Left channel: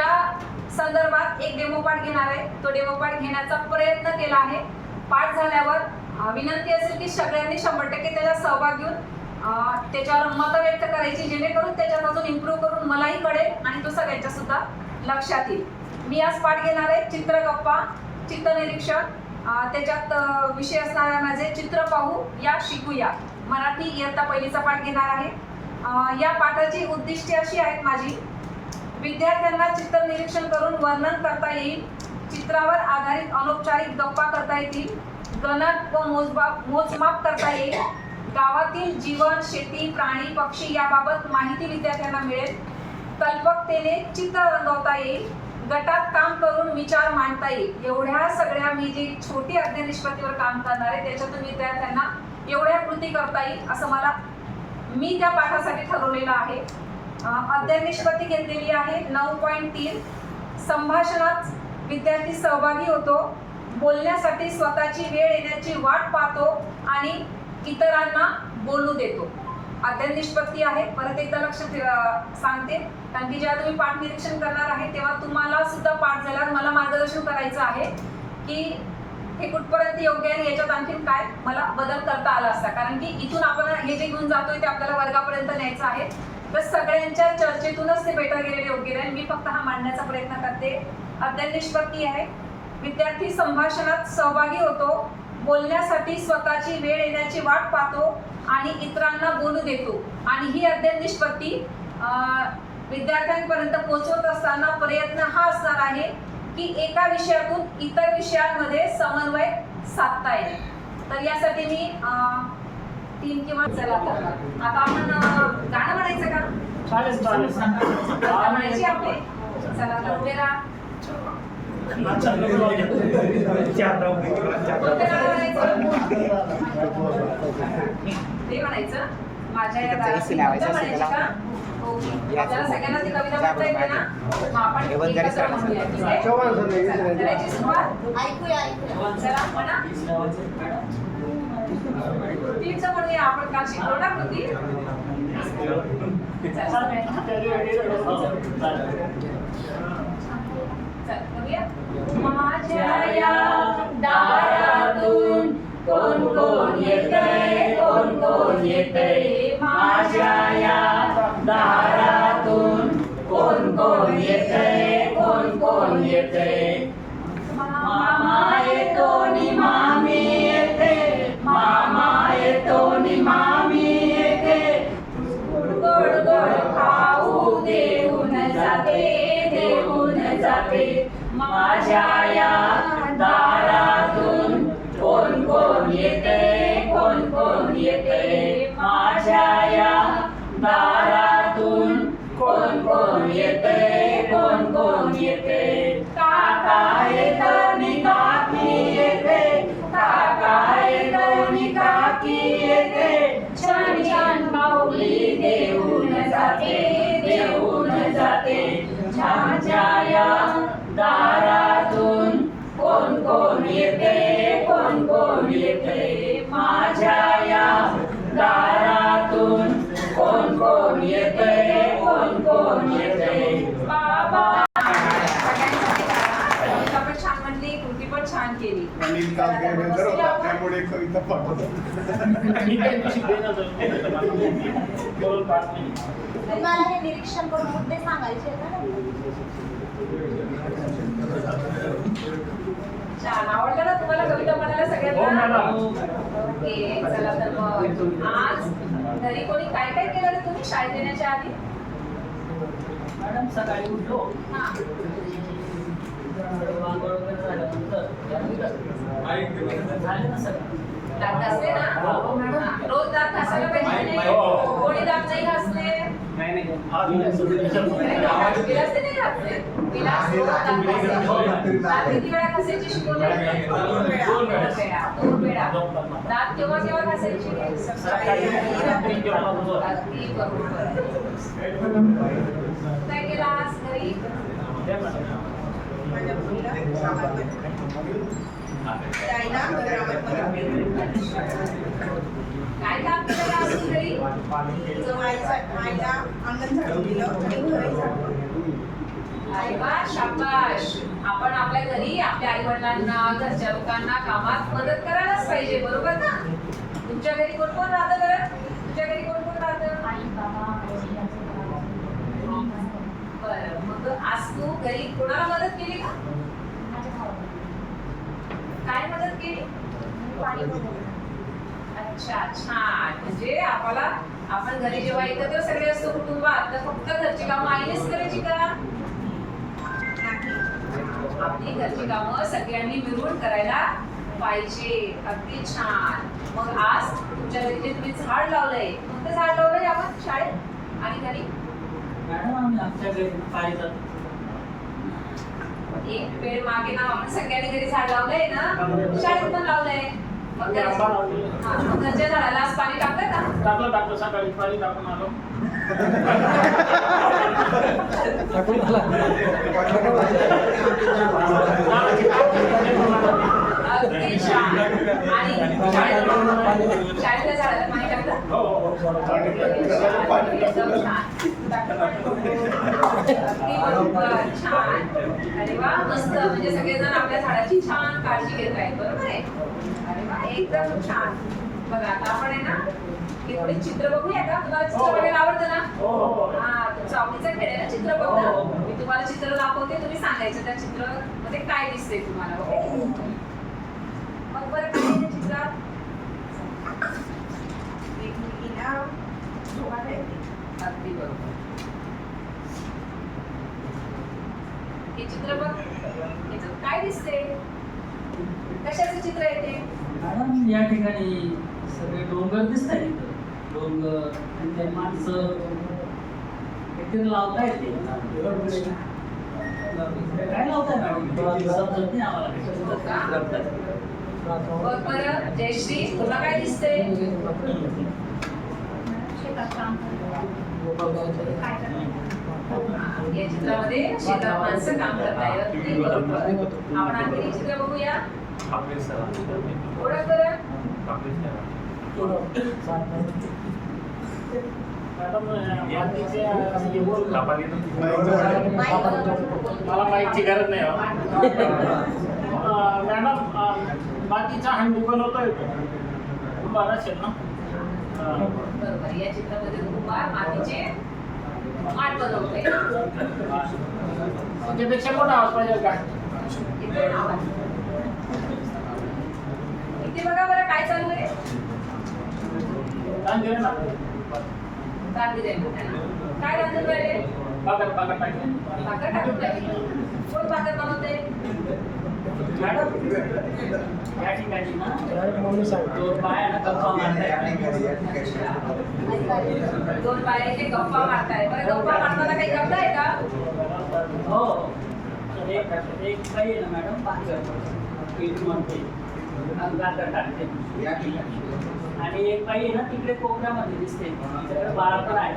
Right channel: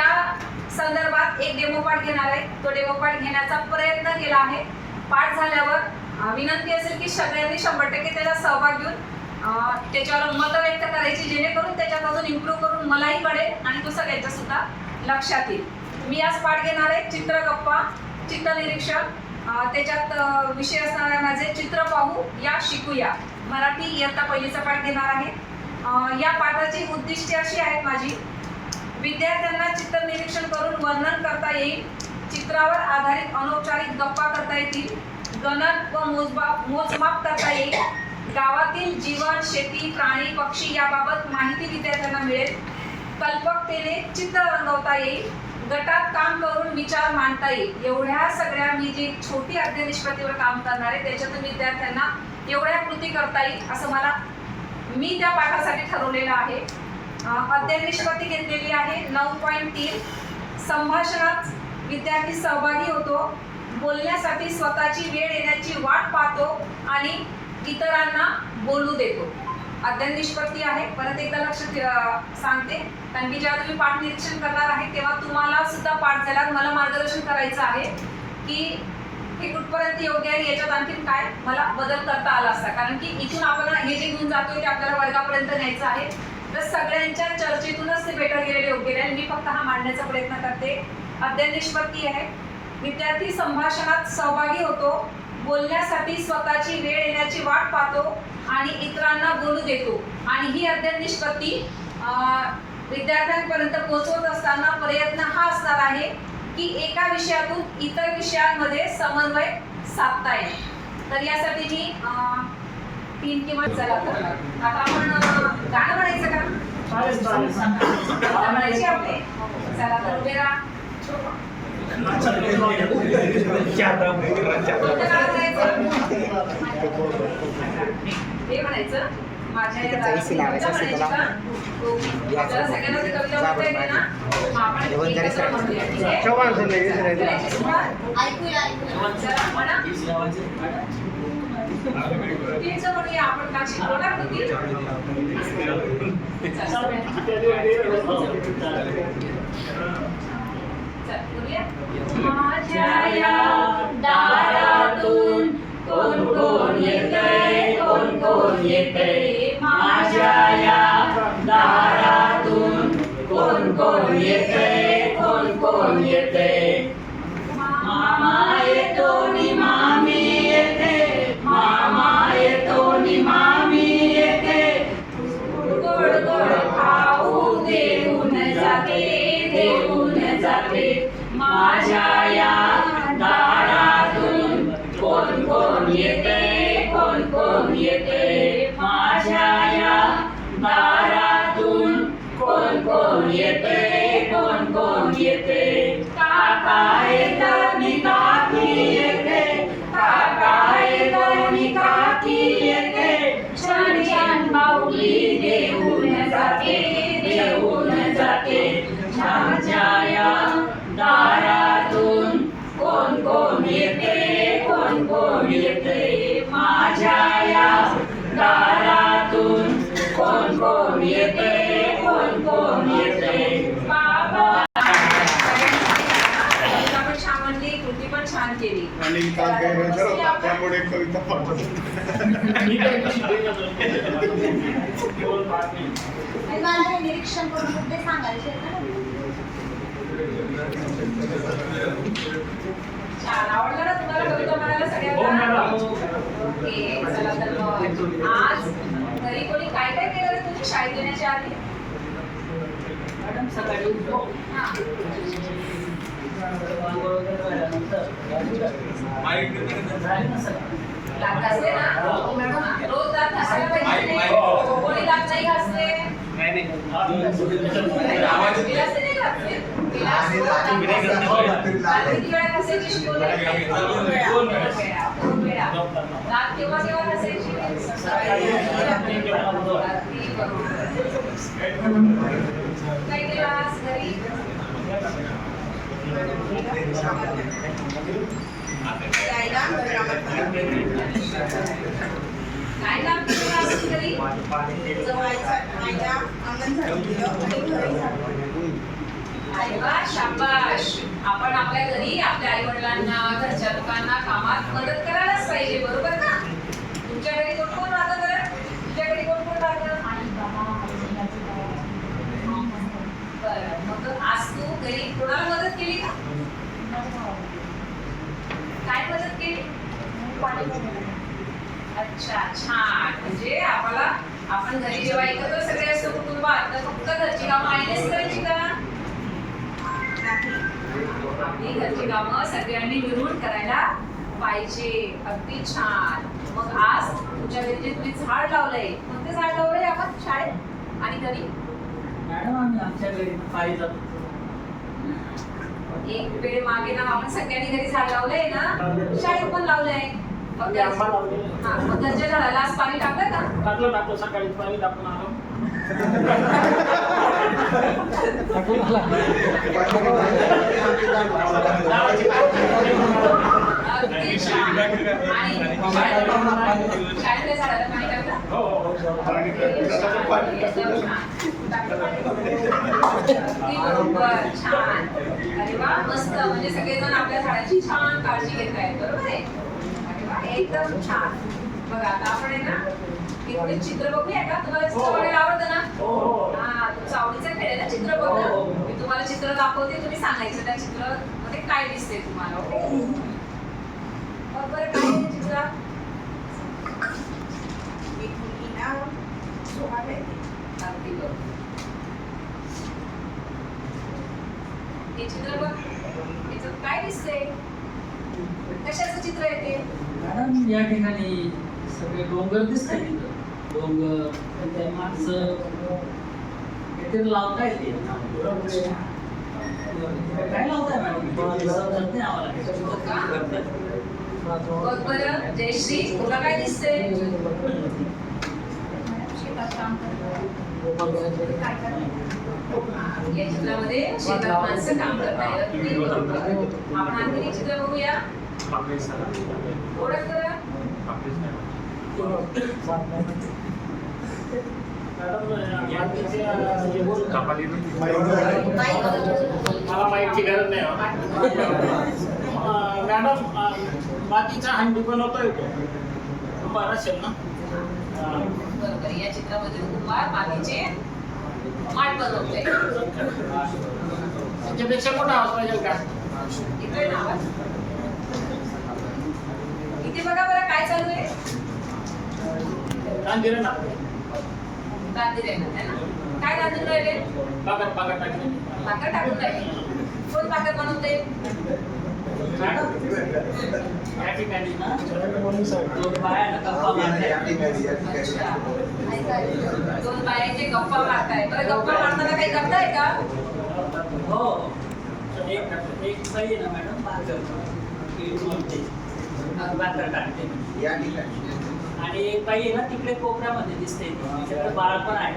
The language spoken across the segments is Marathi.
या संदर्भात एक डेमो पाठ घेणार आहे। तो डेमो पाठ घेण्याचा प्रयत्न केला आहे। पाठ झाल्यावर विनंती असेल की सगळ्यांनी 100% त्याचा सहभाग घेऊन त्याच्यावर मत व्यक्त करायची, जेणेकरून त्याच्यात अजून इम्प्रूव्ह करून मलाही कळेल आणि तो सगळ्यांच्या सुद्धा लक्षात येईल। मी आज पाठ घेणार आहे चित्रगप्पा, चित्रनिरीक्षण। त्याच्यात विषय असणार आहे माझे चित्र पाहू या शिकूया, मराठी इयत्ता पहिलीचा पाठ घेणार आहे। या पाठाची उद्दिष्टे अशी आहेत माझी: विद्यार्थ्यांना चित्र निरीक्षण करून वर्णन करता येईल, चित्रावर आधारित अनौपचारिक गप्पा करता येतील, गणक व मोजमाप करता येईल, गावातील जीवन, शेती, प्राणी, पक्षी याबाबत माहिती विद्यार्थ्यांना मिळेल, कल्पकतेने चित्र रंगवता येईल, गटात काम करून विचार मांडता येईल। एवढ्या सगळ्या मी जी छोटी अध्ययन निष्पत्तीवर काम करणार आहे त्याच्यातून विद्यार्थ्यांना एवढ्या कृती करता येईल असं मी त्या पाठासाठी ठरवलेलं आहे। अध्ययन निष्पत्ती घेतलेली आहे 9.3। संभाषणात विद्यार्थी सहभागी होतो, बोलण्यासाठी स्वतःची वेळ येण्याची वाट पाहतो आणि इतरांना बोलू देतो। अध्ययन निष्पत्ती आहे, परत एकदा लक्ष सांगते, कारण की जेव्हा तुम्ही पाठ निरीक्षण करणार आहे तेव्हा तुम्हाला सुद्धा पाठ झाल्यावर मला मार्गदर्शन करायचं आहे की हे कुठपर्यंत योग्य आहे, याच्यात आणखीन काय मला बदल करता आला असता, कारण की इथून आपण हे जे घेऊन जातोय ते आपल्याला वर्गापर्यंत न्यायचं आहे। तर सगळ्यांच्या चर्चेतूनच ते बेटर गेलेले योग्य राहील। मी फक्त हा मांडण्याचा प्रयत्न करते। अध्ययन निष्पत्ती आहे, विद्यार्थी संभाषणात सहभागी होतो, बोलण्यासाठी स्वतःची वेळ येण्याची वाट पाहतो आणि इतरांना बोलू देतो। आणि ही अध्ययन निष्पत्ती विद्यार्थ्यांपर्यंत पोहोचवत असताना प्रयत्न हा असणार आहे की एका विषयातून इतर विषयांमध्ये समन्वय साधता येईल। तर यासाठी मी 3 किंवा चला तर आता आपण गाणं म्हणायचं का? म्हणायची आपले चला तर उभे राहा। ते म्हणायचं माझ्या या आपल्याला सगळ्यांना ती कविता म्हणता येते ना, मग आपण एकत्र म्हणूया, ठीक आहे? चला म्हणा, कृतीचं म्हणूया आपण, का शिकलो ना कृती। माझ्या या दारातून कोण कोण येतंय, कोण कोण येतंय, माझ्या या दारातून कोण कोण येतंय, कोण कोण येतंय, मामा येतो नि मामी येते, मामा येतो नि मामी येते, गोड गोड खाऊ देऊन जाते, देऊन जाते, माझ्या या दारातून कोण कोण येते, कोण कोण येते, माझ्या या दारातून कोण कोण येते, कोण कोण येते, काका येतो नि काकी येते, काका येतो नि काकी येते, छान छान बाहुली देऊन जाते, देऊन जाते, माझ्या या दारातून कोण कोण येते, कोण कोण येते, माझ्या या दारातून कोण कोण येते, कोण कोण येते, बाबा। पण छान म्हणली, कृती पण छान केली। त्यामुळे कविता मला निरीक्षण करून ते सांगायचे छान आवडलं ना तुम्हाला कविता म्हणायला सगळ्यांना? ओके, चला तर मग आज घरी कोणी काय काय केलं रे तुम्ही शाळेत येण्याच्या आधी? मॅडम सकाळी उठलो, दात घासले ना? रोज दात घासायला पाहिजे नाही? कोणी दात नाही घासले? गिलास नाही घासले? गिलास रोज दात घासायचे. दात किती वेळा घासायची शिकवले? 2 वेळा. दात केव्हा केव्हा घासायची? रात्री बरोबर. काय केलं आज घरी? काय काम केलं आज घरी? आईला अंगण झाडून दिलं आणि घर झाडून. अरे वा, शाबाश. आपण आपल्या घरी आपल्या आई वडिलांना घरच्या लोकांना कामात मदत करायलाच पाहिजे, बरोबर ना? तुमच्या घरी कोण कोण राहतं बरं? तुझ्या घरी कोण कोण राहतं? आई बाबा बरं, मग आज तू घरी कोणाला मदत केली का? काय मदत केली? अच्छा, छान. म्हणजे आपण घरी जेव्हा एकत्र सगळे असतो कुटुंबात, तर फक्त घरची कामं आईनेच करायची का? आपली घरची कामं सगळ्यांनी मिळून करायला पाहिजे. अगदी छान. मग आज तुमच्या घरी जे तुम्ही झाड लावलंय, कोणतं झाड लावलंय आपण शाळेत आणि घरी? मॅडम आम्ही आमच्या घरी पाहिलं एक वेळ मागे ना आपण सगळ्यांनी घरी झाड लावलंय ना, शाळेत पण लावलंय. मग मग घरच्या झाडाला आज पाणी टाकलं का? टाकलं सकाळी पाणी टाकून आलो. अगदी छान. आणि शाळेतल्या झाडाला पाणी टाकलं? एकदम छान. अगदी बरोबर, छान. अरे वा, मस्त. म्हणजे सगळेजण आपल्या झाडाची छान काळजी घेत आहेत, बरोबर आहे? अरे वा, एकदम छान. बघा आता आपण आहे ना, हे थोडे चित्र बघूया का? तुम्हाला चित्र बघायला आवडतं ना? हा, तुमचं आवडीचं खेळ आहे ना चित्र बघणं. मी तुम्हाला चित्र दाखवते, तुम्ही सांगायचं त्या चित्रामध्ये काय दिसते तुम्हाला. ओके? मग बरं, काय आहे चित्रात? एक मुलगी ना झोका खेळते. अगदी बरोबर. हे चित्र बघ, याच्यात काय दिसते? कशाचं चित्र येते? मॅडम या ठिकाणी सगळे डोंगर दिसत आहेत इथं. डोंगर आणि त्या माणसं काहीतरी लावता येते. काय लावताय मॅडम? समजत नाही आम्हाला. बघ बरं, जयश्री, तुला काय दिसते? शेतात काम करते. काय करते? या चित्रामध्ये शेतात माणसं काम करतायत. अगदी बरोबर. आपण आणखी एक चित्र बघूया. ओळख बरं. मला माहिती गरज नाही हो. मॅडम मातीचा हंडी बनवतोय तो बरा असेल ना? बरोबर. या चित्रामध्ये कुंभार मातीचे माठ बनवतोय. त्याच्यापेक्षा मोठा आवाज पाहिजे का? इकडे नाव इथे बघा बरं काय चालू आहे. गांधीरे ना गांधी राहिले है ना? काय गांधून राहिले? बागर टाकले. भाकर टाकून राहिले. कोण भाकर बनवते? मॅडम या ठिकाणी ना दोन बाया ना गप्पा मारताय. अच्छा. दोन बायांचे गप्पा मारताय. बरं, गप्पा मारताना काही करताय का? हो. एक बाई आहे ना मॅडम बाकर म्हणते बाकर टाकते. आणि एक बाई आहे ना तिकडे कोपऱ्यामध्ये दिसते. तिच्याकडे बाळ पण आहे.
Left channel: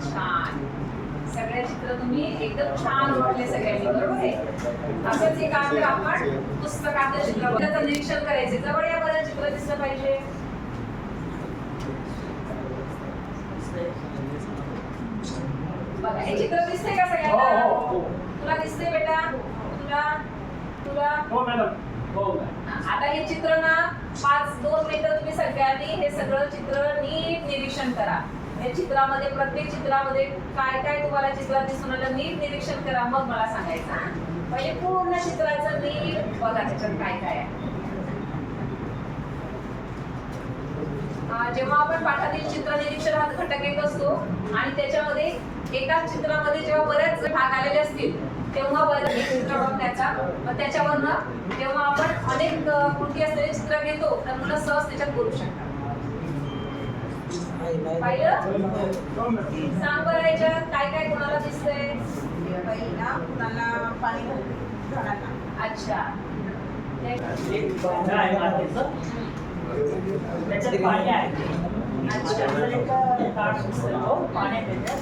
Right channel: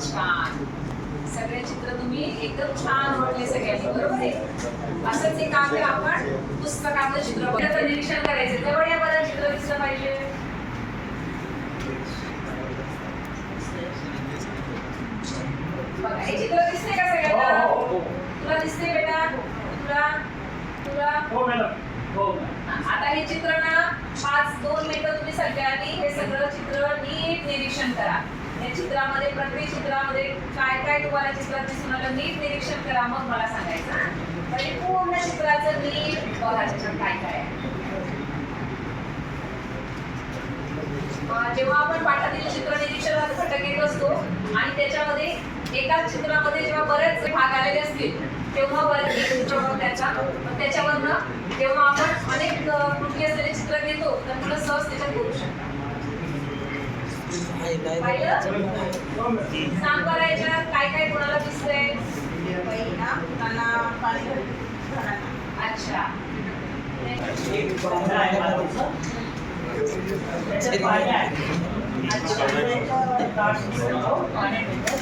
छान. सगळे चित्र तुम्ही एकदम छान ओळखले सगळ्यांनी, बरोबर आहे? असंच एक आहे, आपण पुस्तकातलं चित्र बघायचं निरीक्षण करायचं. जवळ या बरं, चित्र दिसलं पाहिजे. बघा, हे चित्र दिसते का सगळ्यांना? तुला दिसते बेटा? तुला हो मॅडम. हो. आता हे चित्र ना 2 मिनिटं तुम्ही सगळ्यांनी हे सगळं चित्र नीट निरीक्षण करा. या चित्रामध्ये प्रत्येक चित्रामध्ये काय काय तुम्हाला चित्रात दिसून आलं नीट निरीक्षण करा. मग मला सांगायचं. पहिले पूर्ण चित्राचं नीट बघा त्याच्यात काय काय आहे. जेव्हा आपण पाठातील चित्र निरीक्षणात घटक येत असतो आणि त्याच्यामध्ये एकाच चित्रामध्ये जेव्हा बरेच भाग आलेले असतील तेव्हा बरेच एक चित्र त्याचा त्याच्यावरनं जेव्हा आपण अनेक कृती असलेले चित्र घेतो तर मुलं सहज त्याच्यात बोलू शकतात. पहिलं सांग बरं याच्यात काय काय कोणाला दिसतंय? बाई ना मुलांना पाणी घालते. अच्छा. एक बाया आहे मातीचं. त्याच्यात बाया आहे. पाण्यात येतात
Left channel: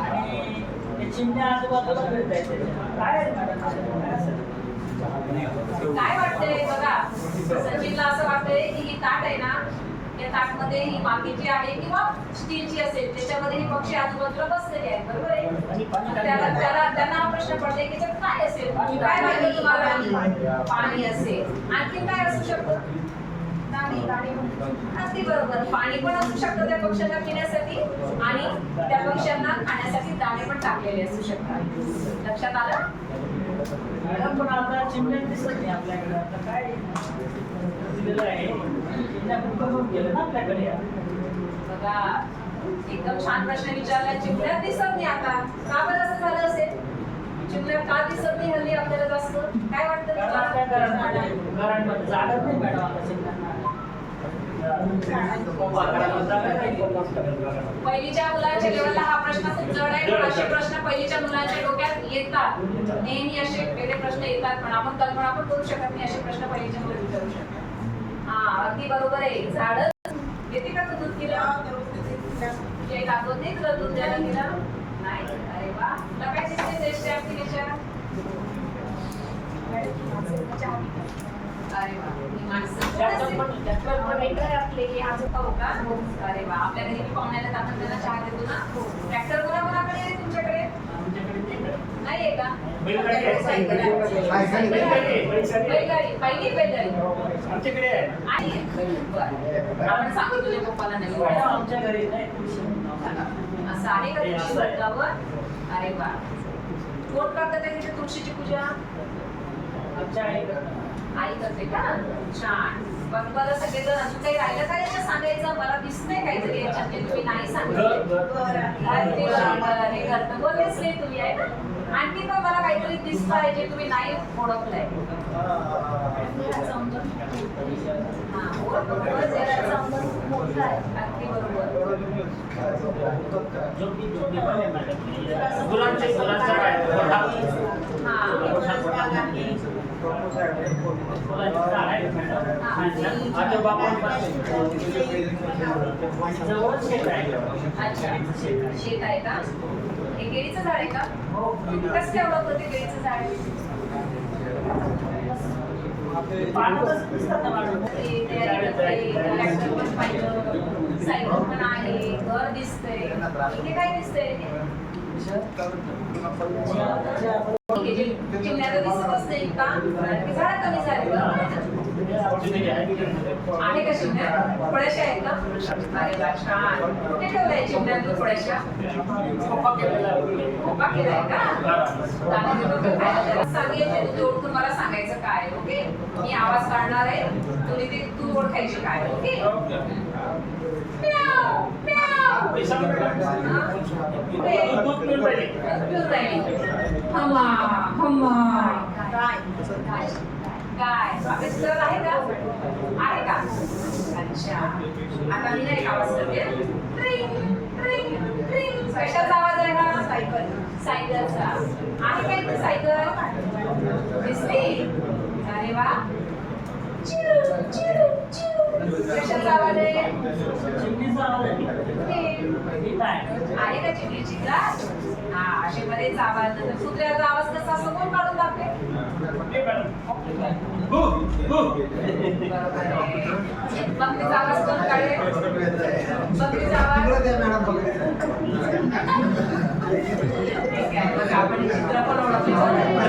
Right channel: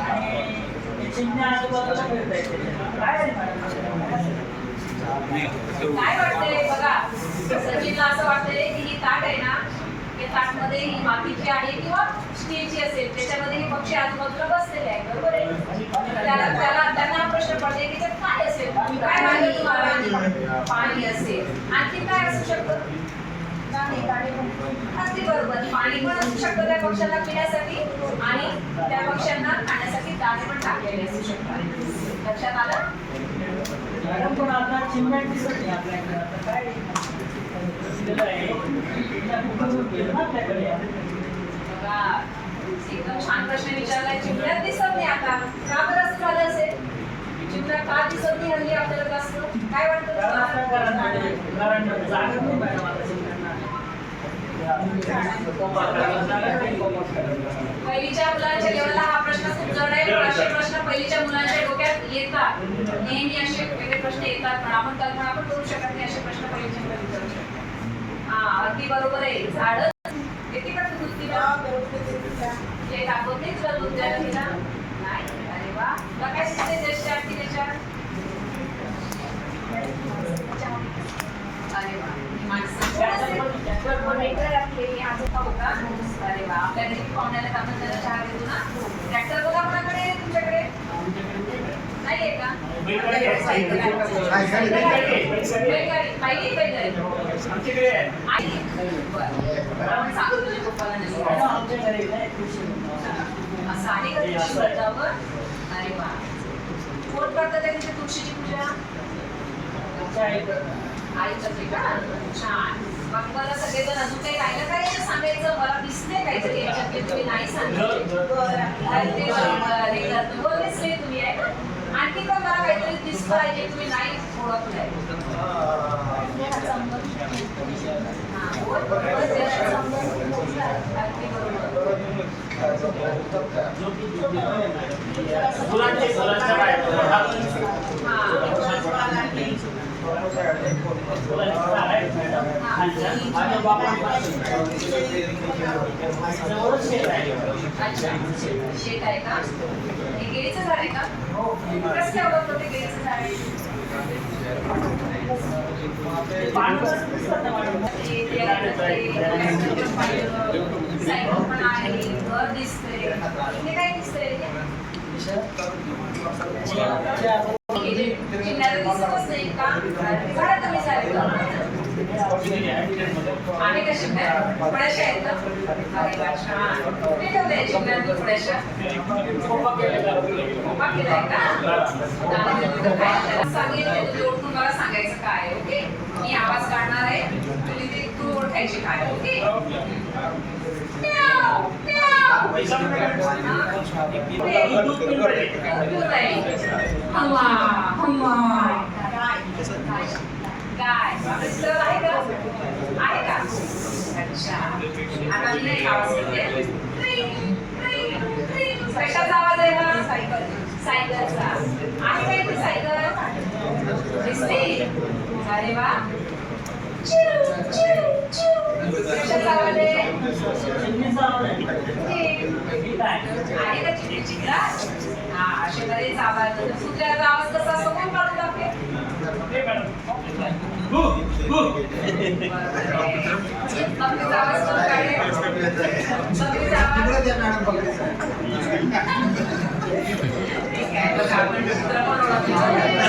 आणि ते चिमण्या आजूबाजूला फिरतायत. काय आहे काय वाटतंय बघा, सचिनला असं वाटतंय की ही ताट आहे ना, हे ताट त्याच्यामध्ये ही मातीची आहे किंवा स्टीलची असेल त्याच्यामध्ये हे पक्षी आजूबाजूला बसलेले आहेत बरोबर आहे त्यांना हा प्रश्न पडले की ते काय असेल काय वाटलं तुम्हाला पाणी असेल आणखी काय असू शकतं अगदी बरोबर पाणी पण असू शकतं त्या पक्ष्यांना पिण्यासाठी आणि त्या पक्ष्यांना खाण्यासाठी दाणे पण टाकलेले असू शकतात लक्षात आलं मॅडम पण आता चिमण्या दिसत नाही आपल्याकडे आता काय दिलेलं आहे चिमण्या कुठं गेलं ना आपल्याकडे बघा एकदम छान प्रश्न विचारलाय चिमण्या दिसत नाही आता का बरं असं झालं असेल चिमण्या का दिसत नाही हल्ली आपल्याला जास्त काय वाटतं कारण आपल्या तुम्हाला? घरांमध्ये जागा नाही मॅडम आता चिमण्यांना पहिलीच्या मुलांच्या लेवलला हा प्रश्न खूप जड आहे पण असे प्रश्न पहिलीच्या मुलांच्या डोक्यात येतात नेहमी असे वेगळे प्रश्न येतात पण आपण कल्पना पण करू शकत नाही असे प्रश्न पहिलीच्या मुलं विचारू शकतात हा अगदी बरोबर आहे झाड येते का तू दूध तिला हे दाखवत नाही तुला दूध द्यायला तिला नाही अरे वा तुला काय शिकते टेस्ट आहे त्याच्या अरे वा माणसं अरे वा आपल्या घरी पाहुण्याला आपण त्याला चहा देतो ना ट्रॅक्टर बघा कोणाकडे तुमच्याकडे नाहीये का आमच्याकडे आपण सांगू तुझ्या पप्पाला नाही आमच्या घरी असं आहे का तुळशी वृंदावन? अरे वा कोण करतात तिथे तुळशीची पूजा आई करते का छान मग मला सगळेजण अजून काही राहिलं काय याच्यात सांगायचं मला दिसतंय काहीतरी याच्यात की तुम्ही नाही सांगितलं बोललेच नाही तुम्ही आहे ना आणखी पण मला काहीतरी दिसतं आहे जे तुम्ही नाही ओळखलंय अगदी बरोबर अच्छा शेत आहे का हे केळीचं झाड आहे का कसं काय ओळखलं ते केळीचं झाड आहे सायकल पण आहे घर दिसतंय इथे काय दिसतंय चिमण्याला दिसतच नाही का झाड कमी झाले का आहे का चिमण्या थोड्याशा आहेत का अरे वा छान कुठे ठेवलंय चिमण्या तू थोड्याशा खोपा केलाय का सांगितलं तुझी ओळखून मला सांगायचं काय ओके मी आवाज काढणार आहे तुम्ही ते तू ओळखायची काय ओके काय आहे का आहे का अच्छा आता मी एक आवाज करते कशाचा आवाज आहे ना सायकलचा आहे काय ते सायकल दिसते अरे वा कशाचा आवाज आहे आहे का चिमणीची ग्लास हा असे बरेच आवाज कुत्र्याचा आवाज कसा असतो कोण काढून दाखवे बकरीचा आवाज कोण काढेल बकरीचा आवाज बघा आपण कुत्रा पण ओळखतो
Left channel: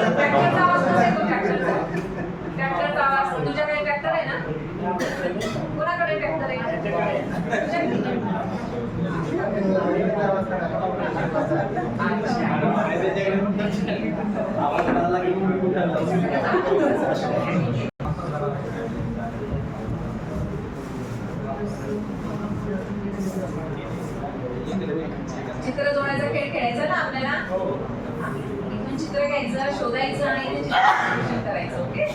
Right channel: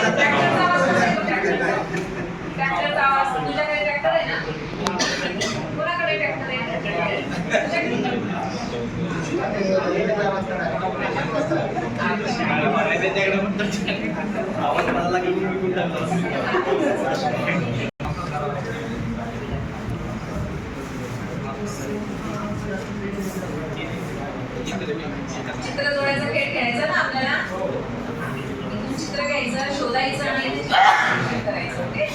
ट्रॅक्टरचा आवाज कसा येतो ट्रॅक्टरचा आवाज तुझ्याकडे ट्रॅक्टर आहे ना कोणाकडे ट्रॅक्टर आहे चित्र जोडायचा खेळ खेळायचा ना आपल्याला इथून चित्र घ्यायचं शोधायचं आणि इथे करायचं ओके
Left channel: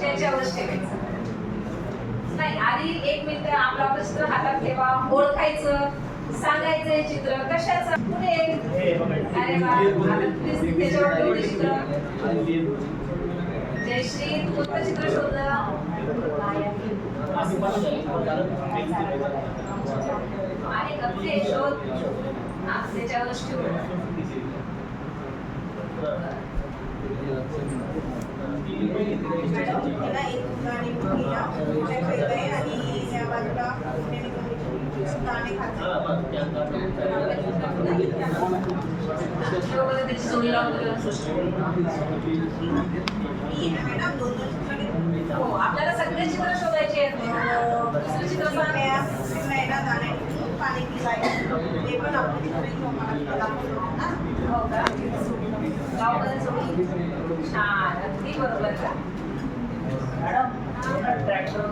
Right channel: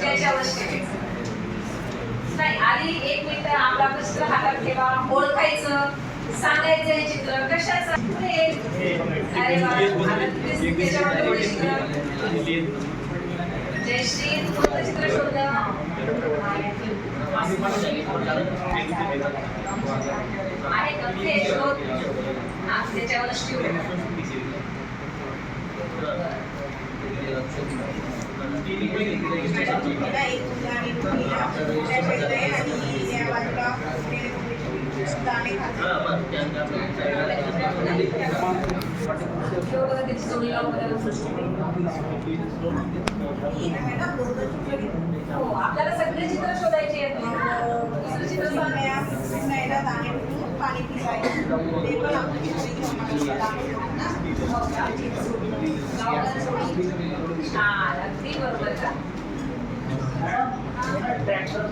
त्याच्यावरच ठेवायचं नाही आधी एक मिनिट आपला चित्र हातात ठेवा ओळखायचं सांगायचं हे चित्र कशाचं अरे वा त्याच्यावर ठेवलं चित्र जयश्री तू कोणतं चित्र शोधलं आहे का ते शोध हा त्याच्यावरच ठेवलं त्याची जोडी लावून त्याला हो आपल्याला सगळे चित्र शोधायचे आहेत. दुसरं चित्र सांगा. पाणी पिसायचं ते पण आपलं चित्र घेऊन मला दाखवलं ना. हो का? लावलं जोडी. छान अगदी बरोबर का? ट्रॅक्टर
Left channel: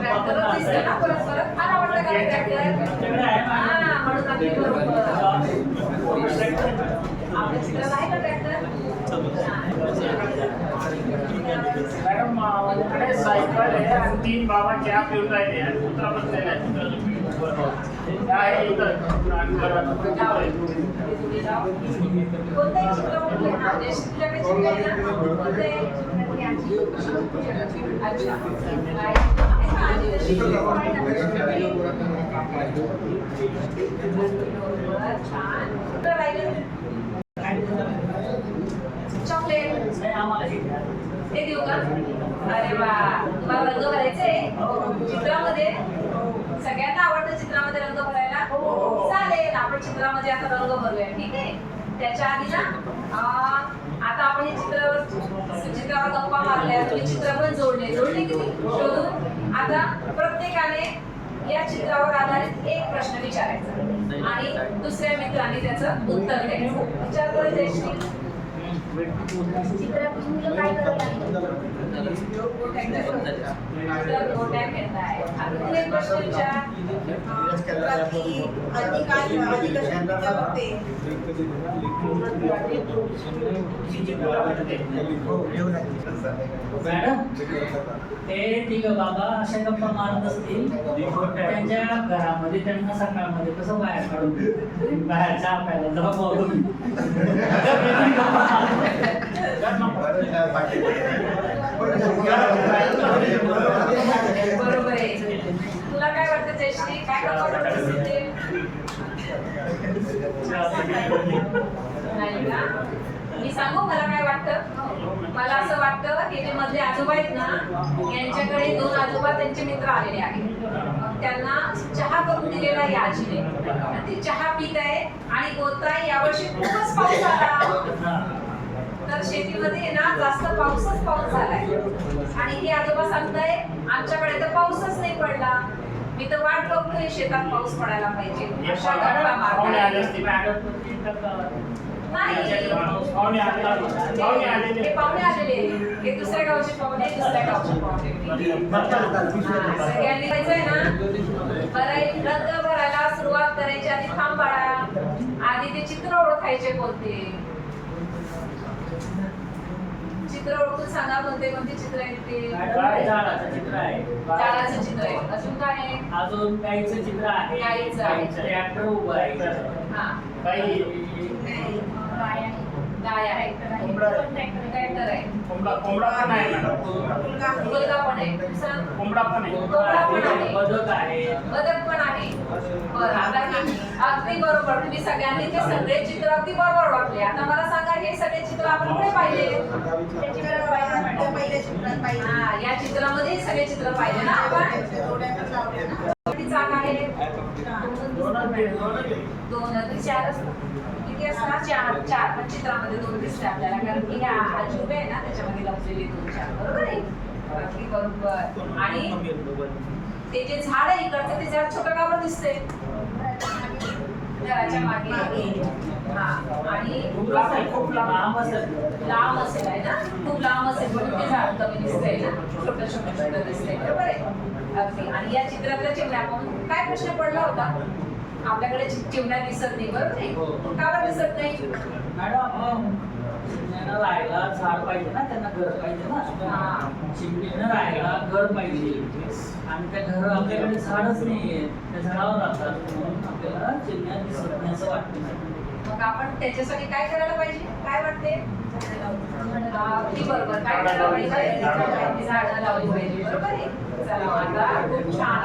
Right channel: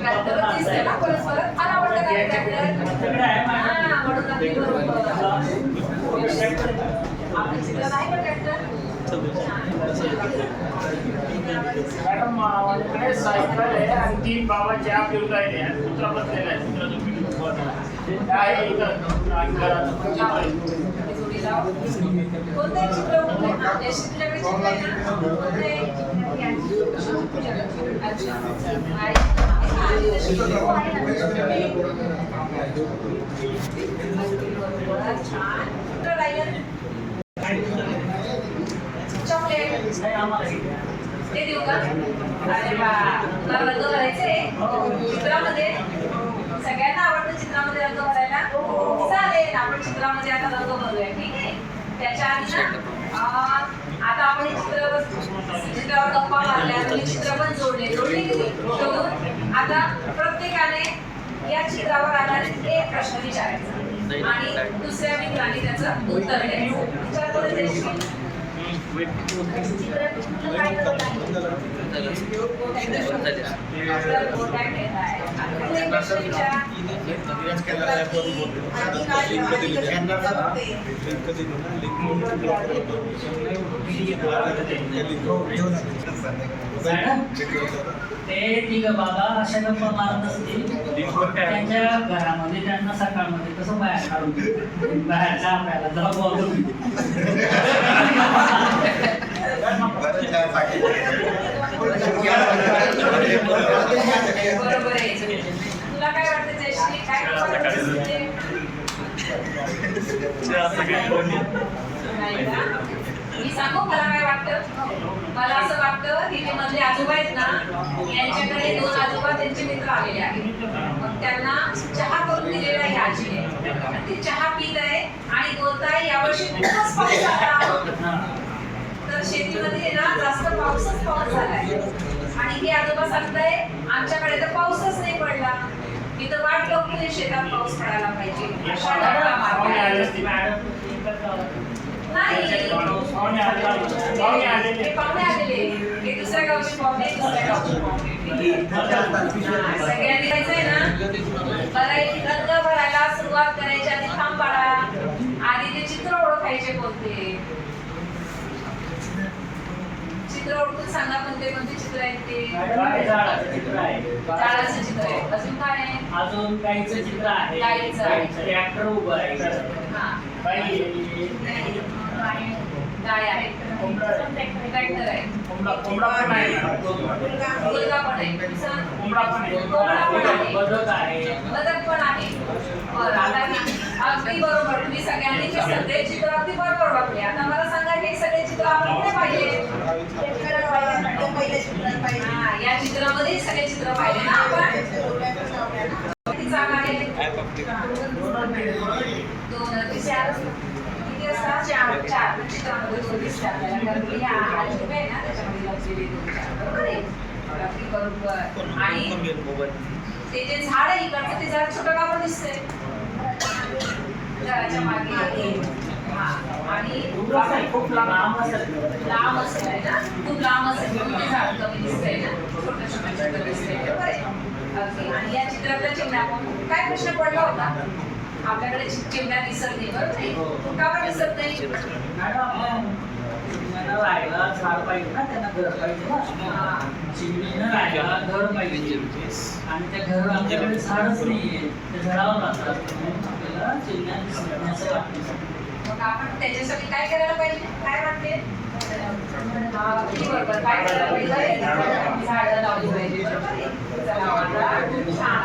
ट्रॅक्टरच दिसतंय ना परत परत. फार आवडतं का ट्रॅक्टर? हा म्हणून अगदी बरोबर. आपल्या चित्रात आहे का ट्रॅक्टर? मॅडम माझ्याकडे सायकल आहे आणि 3 बाबा चहा पिऊन राहिले आणि कुत्रा बसलेला आहे. कुत्राचं पीठ आहे इथं आणि घरात कोणतंही चित्र उठलंय ना तुझ्याकडे चित्र आहे ना कोणतंही अच्छा आणि तशी छान कुठं राहिलं चॉकलेट ते देऊ का? अरे वा तुला रंग भरायचे चित्रामध्ये सगळ्यांना आवडतं चित्रामध्ये रंग भरायला चालेल आपण चित्रामध्ये आता रंग भरूया ठीक आहे. त्याच्या आधी ना आता आपण हे चित्रावर गप्पा मारल्या तुम्ही चित्र पण जोडले की शोधून आता प्रत्येकाने या चित्रावर आधारित एक प्रश्न विचारायचा आणि दुसऱ्या मित्रांनी त्याचं उत्तर द्यायचं. विचार करत मॅडम ते तिघ बाबा अशा गप्पा मारत असतील त्यांच्या घरामध्ये त्यांना सकाळमध्ये कसं बाहेर काढून बाहेरच्या आपल्याला जरा बोलून बरोबर आहे. तुला काय वाटतं जयश्री काय नाही का? मी सांगू मला काय वाटतं. मला असं वाटतं की जे मधले आजोबा आहेत ना यांच्याकडे 2 आजोबा त्यांचे मित्र आलेले आहेत. मग त्यांना चहा करून दिलेला आहे आजीने. ती चहा पित आहे आणि बोलताय यावर्षी खूपच पाऊस झाला तर शेतीमध्ये ना जास्त पाऊस झालाय आणि हे आजोबा सांगताय आमच्याकडे तर पाऊसच नाही पडला. मी तर वाट बघतोय शेतात पाऊस पडायला पाहिजे अशा गप्पा मारताय. नाही हे पाहुणे आलेले हे दुसऱ्या गावचे पाहुणे दुसऱ्या गावचे पाहुणे सगळ्यांनी जायचंय ना. बरं रंग भरायला सुरुवात करायची आधी थांब बाळा आधी ते चित्र ओळखायचे कोणते चित्र ओळखून सांगा कोणते चित्र आहेत ते. झाडाचं चित्र आहे झाडाचं चित्र आहे. अजून काय आहे? अजून गाईचं चित्र आहे. गाईचं. ट्रॅक्टर उभं आहे. हा गाय आहे ट्रॅक्टर आहे कोंबडा पण आहे मुलगा पण आहे कोंबडा पण आहे कोंबडा पण आहे बदक आहे बदक पण आहे. बरं आता अगदी बरोबर तुम्ही सगळ्यांनी जे सगळे चित्र अगदी बरोबर वाटले. आता मला सांगा हे सगळे चित्र आपण कुठे पाहिले? हा या चित्रामध्ये सगळे चित्र पाहिले ना आपण. किती जागा आहे? 2 4 किती असतात? 4 पण चित्रामध्ये 2 दिसते आपल्याला कारण की ह्या आजोबा आहे ना त्याच्यामध्ये लपलेले 2 4 बरोबर आहे. अगदी बरोबर. आणि ते जे झाड आहे इकडचं ते झाड छोटं गाव दिसते घराच्या मागे. हा आणि खूप लांब असेल आहे ना खूप लांब असेल म्हणून ते झाड कमी दिसतंय ना छोटं छोटं दिसतंय बरोबर आहे. अगदी. आणि या चित्रातल्या चिमण्या काय प्रश्न पडला होता आपल्याकडे चिमण्या दिसत नाही बरोबर नाही का बरं दिसत नाही? मॅडम चिमण्याला राहायला झाड पाहिजे ना त्यांना घर पाहिजे ना. चिमणीनं राहायला घर पाहिजे आणि त्या घर आमच्याकडे झाडच नाहीये त्या झाडावर राहतात म्हणून आपल्याला चिमण्या दिसत नाही असं वाटतं. मग आपण त्याच्यासाठी काय करायला पाहिजे काय वाटते? बरोबर काय करायला पाहिजे? झाडं लावली पाहिजे बरोबर आहे. चला आता खूप छान